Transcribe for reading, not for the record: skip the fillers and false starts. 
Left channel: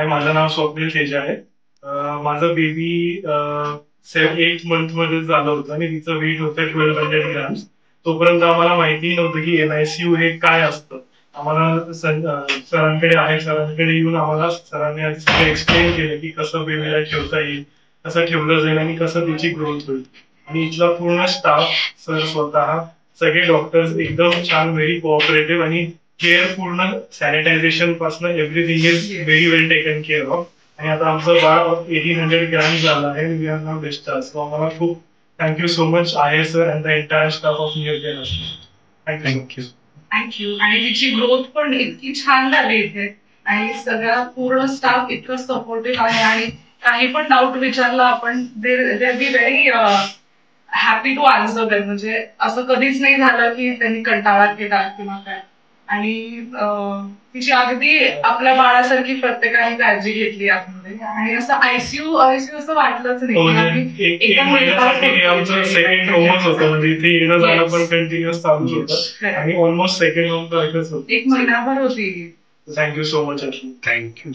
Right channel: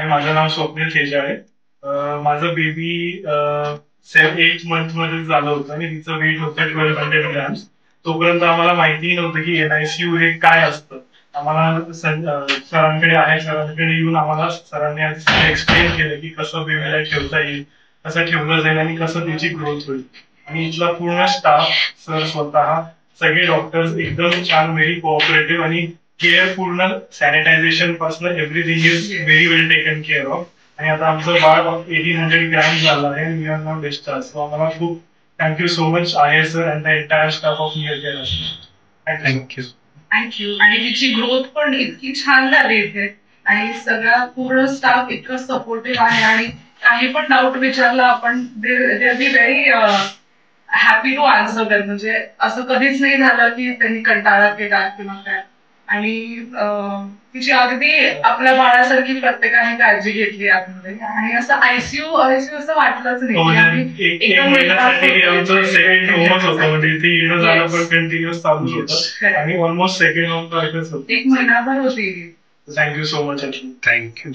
हाय, माझं नाव स्वप्नील खेजाळे. माझं baby 8 month मध्ये झालं होतं आणि तिचं वेट होतं 1200 ग्रॅम्स. तोपर्यंत आम्हाला माहिती नव्हतं की NICU हे काय असतं. आम्हाला सरांकडे येऊन आम्हाला सरांनी आधी एक्सप्लेन केलं की कसं बेबीला ठेवता येईल, कसं ठेवलं जाईल आणि कसं त्याची ग्रोथ होईल. आणि इथला पूर्ण स्टाफ, सर स्वतः, सगळे डॉक्टर्स एकदम छान, व्हेरी कोऑपरेटिव्ह आणि केअर, पूर्ण सॅनिटायझेशन पासून everything is very well taken care of. आणि आता आमचं बाळ 1800 ग्रॅम झालं आहे. We are now discharge. So आम्हाला खूप थँक्यू सो मच आहे sir and the entire staff of near care. Thank you. Thank you. आणि तिची ग्रोथ पण इतकी छान झाली इथे आणि सगळा पूर्ण स्टाफ इतकं सपोर्टिव्ह आहे आणि काही पण डाऊट विचारला आपण they be very happy to answer that. म्हणजे असं कधीच नाही झालं की त्यांनी कंटाळा केला किंवा काय. आणि तिची अगदी आपल्या बाळासारखी प्रत्येकाने काळजी घेतली आतमध्ये आणि असं आयसीयू असं वाटलंच नाही. एक महिन्यासाठी आमचं सेकंड होमच होतं, म्हणजे इथे येणं जाणं पण कंटिन्युअस चालूच होतं आणि ऑलमोस्ट सेकंड होम सारखंच होतं. एक महिनाभर होती. Thank you so much. थँक्यू.